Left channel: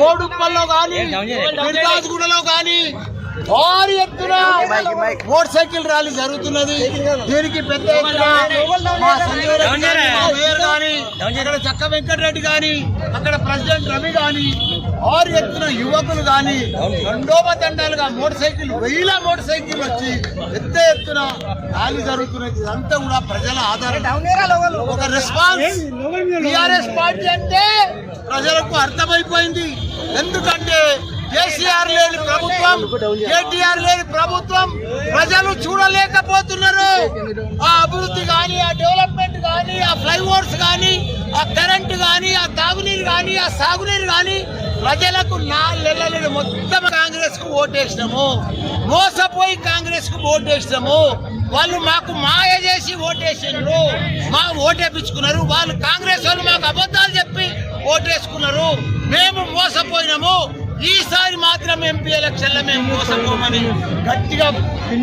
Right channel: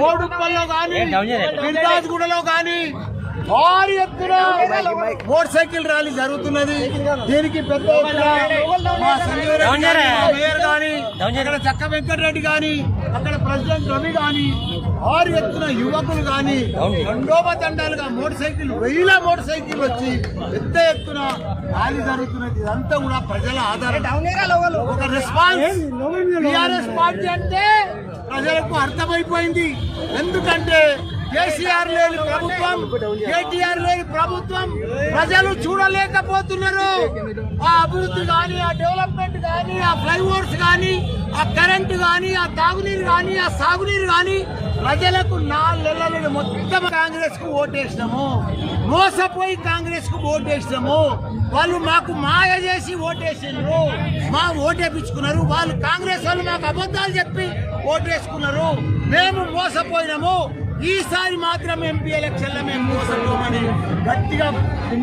కోడుప్పల్లో కానీ గుడలో కానీ భారీ ఎత్తున మోటార్ సైకిల్ ర్యాలీ జరుగుతున్నది. దీనికి పెద్ద ఎత్తున మా సంజయ్ రెడ్డి గాని మా మేయర్ గాని అక్కడ చక్క వెంకటరెడ్డి గాని అక్కడ ప్రెసిడెంట్ రవి గాని భారీ ఎత్తున యువకులు గాని తండాలుగా మోటార్ సైకిల్ వెయ్యిల మోటార్ సైకిల్ వచ్చి పెద్ద ఎత్తున ర్యాలీ జరుగుతున్నది. ఇదంతా కూడా ప్రజల ఆధారం. ఒక రెస్పాన్స్ టిఆర్ఎస్ పార్టీ అంటే ప్రజలకు అర్థమైపోయింది. ఎందుకంటే కేసీఆర్ లేని ప్రభుత్వం కేటీఆర్ లేని ప్రభుత్వం ప్రజలు చూడలేకపోతున్నారు. ఆ అభివృద్ధి కానీ ఆ డెవలప్మెంట్ కానీ ఆ ఫ్లైఓవర్స్ కానీ ఆ కరెంటు కానీ ఆ తాగునీరు కానీ ఆ సాగునీరు కానీ ప్రజలకు నాలుగెళ్ళలేదు మొత్తం కాంగ్రెస్కు ఓటేసినాము. మోసపోయి కాంగ్రెస్కు ఓటేసినాము. వాళ్ళు మాకు మాయ చేసి ఓటేసిండ్రు మా ఓటేపించుకున్నారు. వాళ్ళు కాంగ్రెస్ వాళ్ళు మాకు అబద్ధాలు చెప్పి ఓటేసుకున్నారు. మేము మోసపోయినాము. ఈసారి మాత్రం ఎంపీ ఎలక్షన్లో మేము మోసపోమని గట్టిగా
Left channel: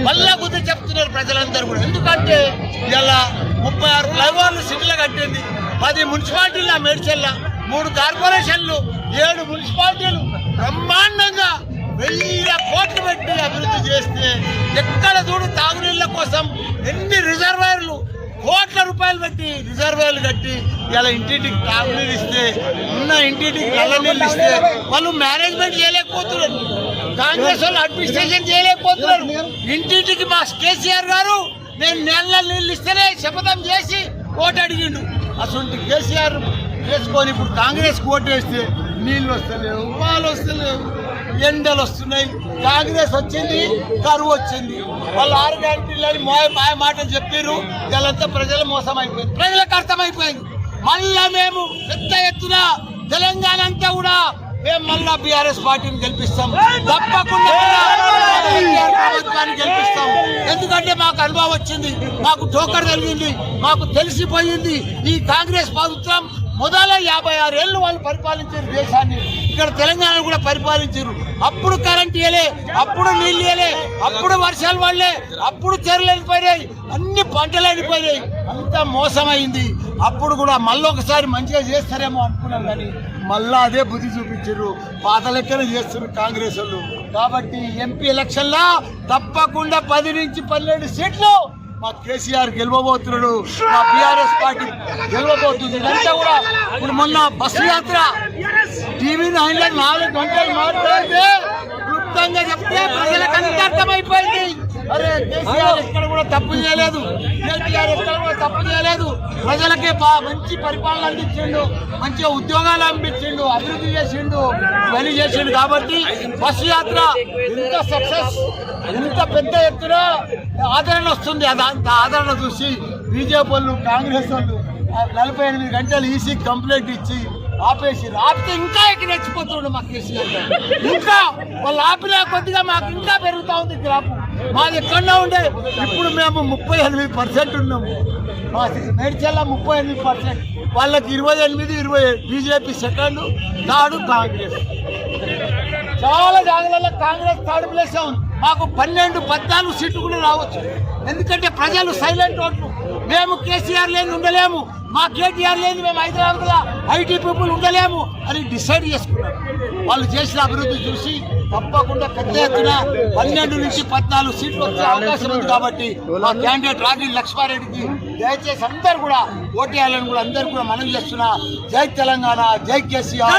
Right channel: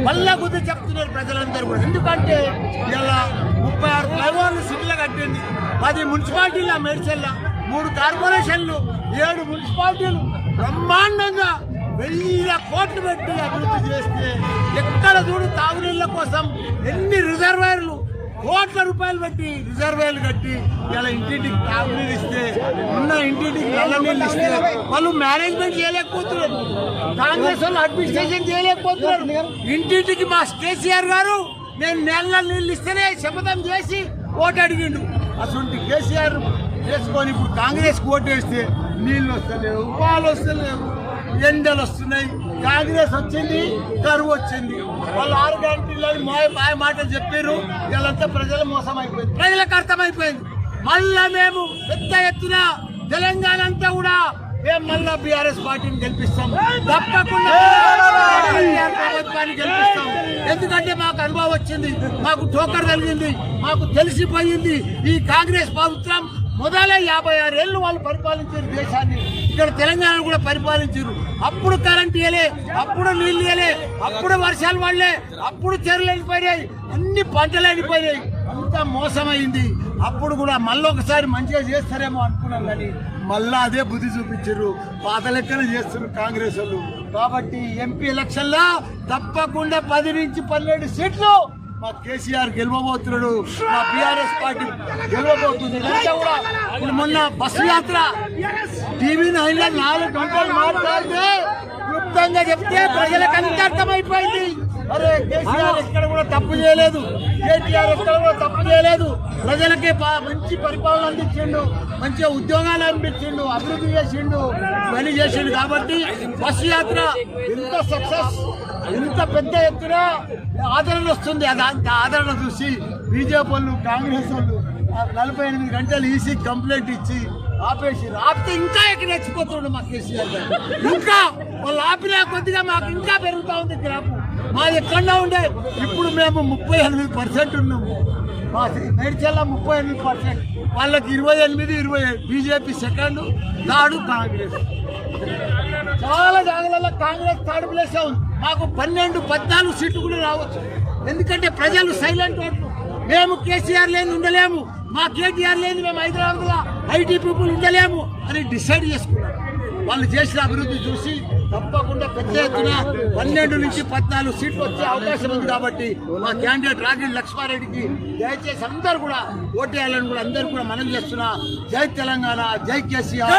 మళ్ళా గుర్తు చెప్తున్నారు ప్రజలందరూ కూడా. ఎందుకంటే ఇలా ముప్పై ఆరు ఫ్లైఓవర్లు సిటీలో కట్టింది. పది మున్సిపాలిటీల మేడ్చల్ల. మూడు కార్పొరేషన్లు ఏడు మున్సిపాలిటీలు బ్రహ్మాండంగా వెయ్యి కోట్లు పెట్టి అభివృద్ధి చేస్తే ఎక్కడ చూడు తాగునీళ్ళ కోసం ఎన్ని రిజర్వాయర్లు కోట్ల రూపాయలు పెట్టి రిజర్వాయర్లు కట్టి ఇలా ఇంటింటికి తాగునీళ్ళు ఇస్తే ఉన్న ఇంటింటికి నల్ల నీళ్ళు ఇస్తే వాళ్ళు మేనేజ్మెంట్ చేయలేకపోతున్నారు. కాంగ్రెస్ వాళ్ళు అడ్మినిస్ట్రేషన్ చేయలేకపోతున్నారు. ఇంటింటికి మా కేసీఆర్ గారు నేను నెల నీళ్ళు ఇస్తేనే శపథం చేసి ఓటు అడిగిండు. అటువంటి కేసీఆర్ వేసుకొని ఇప్పుడు కాంగ్రెస్ ఓటు వేస్తే నీళ్ళు వస్తలేవు పాలు వస్తలేవు ఎండలు వస్తున్నాయి. కాంగ్రెస్ వచ్చింది కరువు వచ్చింది. వాళ్ళు ఆరు గంటలని మాయ మాయ మాటలు చెప్పారు వీళ్ళంతా ప్రజలు మోసం అయిపోయింది. ప్రజలకు అర్థమైపోయింది. మళ్ళా మేము పెద్ద ఎత్తున తెలంగాణ అంతా కూడా మేము మళ్ళా బీఆర్ఎస్ పార్టీని గెలిపిస్తాం. తప్పకుండా మళ్ళా ప్రభుత్వాన్ని చేస్తాం. ఎందుకంటే మాకు అనుభవం వచ్చింది. మాకు టోకర్ కలిగింది మాకు తెలిసిపోయింది. ఈ కాంగ్రెస్ ప్రభుత్వం మొదల యాభై ఆరు ఏళ్ళు వాళ్ళు పరిపాలించారు దేశాన్ని. ఇక్కడ తెలంగాణ కూడా పరిపాలించారు. అప్పుడు కరెంట్ ఇయలే అప్పుడు నీళ్ళు ఇయలే అప్పుడు వర్షాలు పడలే అప్పుడు చెరువులు వెళ్ళిపోయినాయి అన్ని పంటలు వెళ్ళిపోయినాయి అంతా మోసమైంది. అప్పుడు కూడా మళ్ళీ ఒకసారి మంచిగా చేస్తారేమో అనుకున్నాం కానీ మళ్ళా అదే బుద్ధి చూపించారు పాత లెక్కన చేస్తున్నారు కాంగ్రెస్ వాళ్ళు. కాబట్టి ఎంపీ ఎలక్షన్లో తప్పకుండా పది నుంచి పన్నెండు సీట్లు మా కేసీఆర్ గెలవబోతున్నాడు. మా బీఆర్ఎస్ పార్టీ గెలవబోతుంది. ఇదంతా కూడా ఇప్పుడు మొన్న బస్సు యాత్ర. టీవీ నైన్లో నాలుగు గంటలు మాట్లాడితే క్లుప్తంగా చెప్తే ప్రజలకు అంత అర్థమైపోయింది అరే కేసీఆర్ ఎక్కడ కూడా తప్పు చేయలేదు. కేటీఆర్ ఎక్కడ కూడా తప్పు చేయలేదు. ప్రజలకి మంచి పరిపాలన అందించిండు మంచిగా ఉద్యోగాలు అందించిండు అభివృద్ధి చేసిండు ఇవన్నీ చేసిండు కాబట్టి బస్సు యాత్ర ఎంత సక్సెస్ ఎంత పెద్ద ఎత్తున ఆదరణ వస్తుంది. అది ఆదరణ చూసి బీజేపీ వాళ్ళు కాంగ్రెస్ వాళ్ళు నలభై ఎనిమిది గంటలు ఈసీ కంప్లైంట్ ఇచ్చి ఆపేసి ఆపితే ఇంకా ఎక్కడ రెచ్చిపోతుండే మాకు కేసీఆర్ ఇంకా వాళ్ళు ఆపిన కొద్దిగా మాకు ఇంకా పెరుగుతూ ఉంది గ్రాపు మాది ఎక్కడన్నా ఉండే. ఇప్పుడు మేము ముప్పై ఎనిమిది పర్సెంట్ ఉన్నాము. మా మేడ్చల్ల ముప్పై ఎనిమిది పర్సెంట్. వాళ్ళకి ఇరవై ఎనిమిది ఇరవై ఏడు. BJP second third Congress. చాలా జాగ్రత్తలో కాంగ్రెస్ థర్డ్ ప్లేస్ ఉంది. మాకు పన్నెండు పద్నాలుగు సీట్లు కూడా రావచ్చు. ఎందుకంటే ప్రజలు సైలెంట్ ఓట్లు మేము కేసీఆర్ లేని ఉండలేము. మా కేటీఆర్ లేని మేము హైదరాబాద్లో ఐటీ పీపుల్ ఉండలేము అని డిసైడ్ చేసుకున్నాం. వాళ్ళు చేసిన అభివృద్ధి చూసి తప్పకుండా పెద్ద ఎత్తున పన్నెండు నుంచి పద్నాలుగు సీట్లు వచ్చే అవకాశం ఉంది కాబట్టి మా క్యాండిడేట్ రాగిడి లక్ష్మారెడ్డికి దయచేసి అందరు కూడా ఓటేయాలని కూడా అందరు కూడా మనం చేస్తున్నా. జై తెలంగాణ జై కేసీఆర్.